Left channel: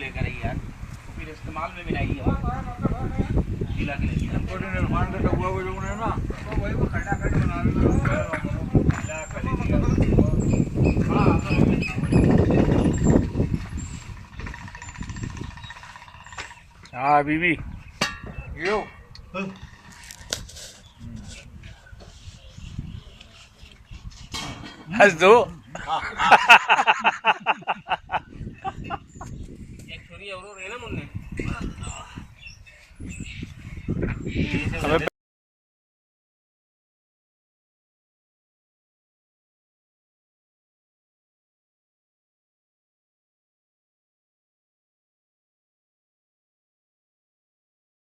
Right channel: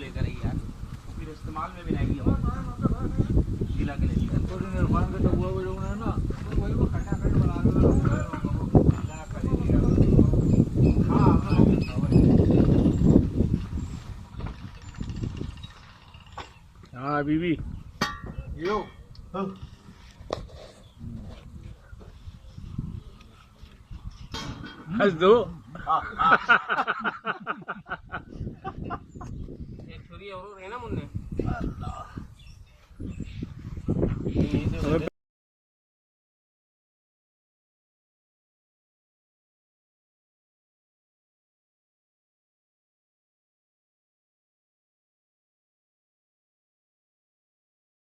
लेकर आई यार, तो फिर इस्तेमाल में भी नहीं है गीला के लिए। इरफान का टबुआ को जो है ना तो वही वो खटाखट बना रहे हाँ बीबी यो हंस दो। एक छोरी और है ना मुन्ने। हमें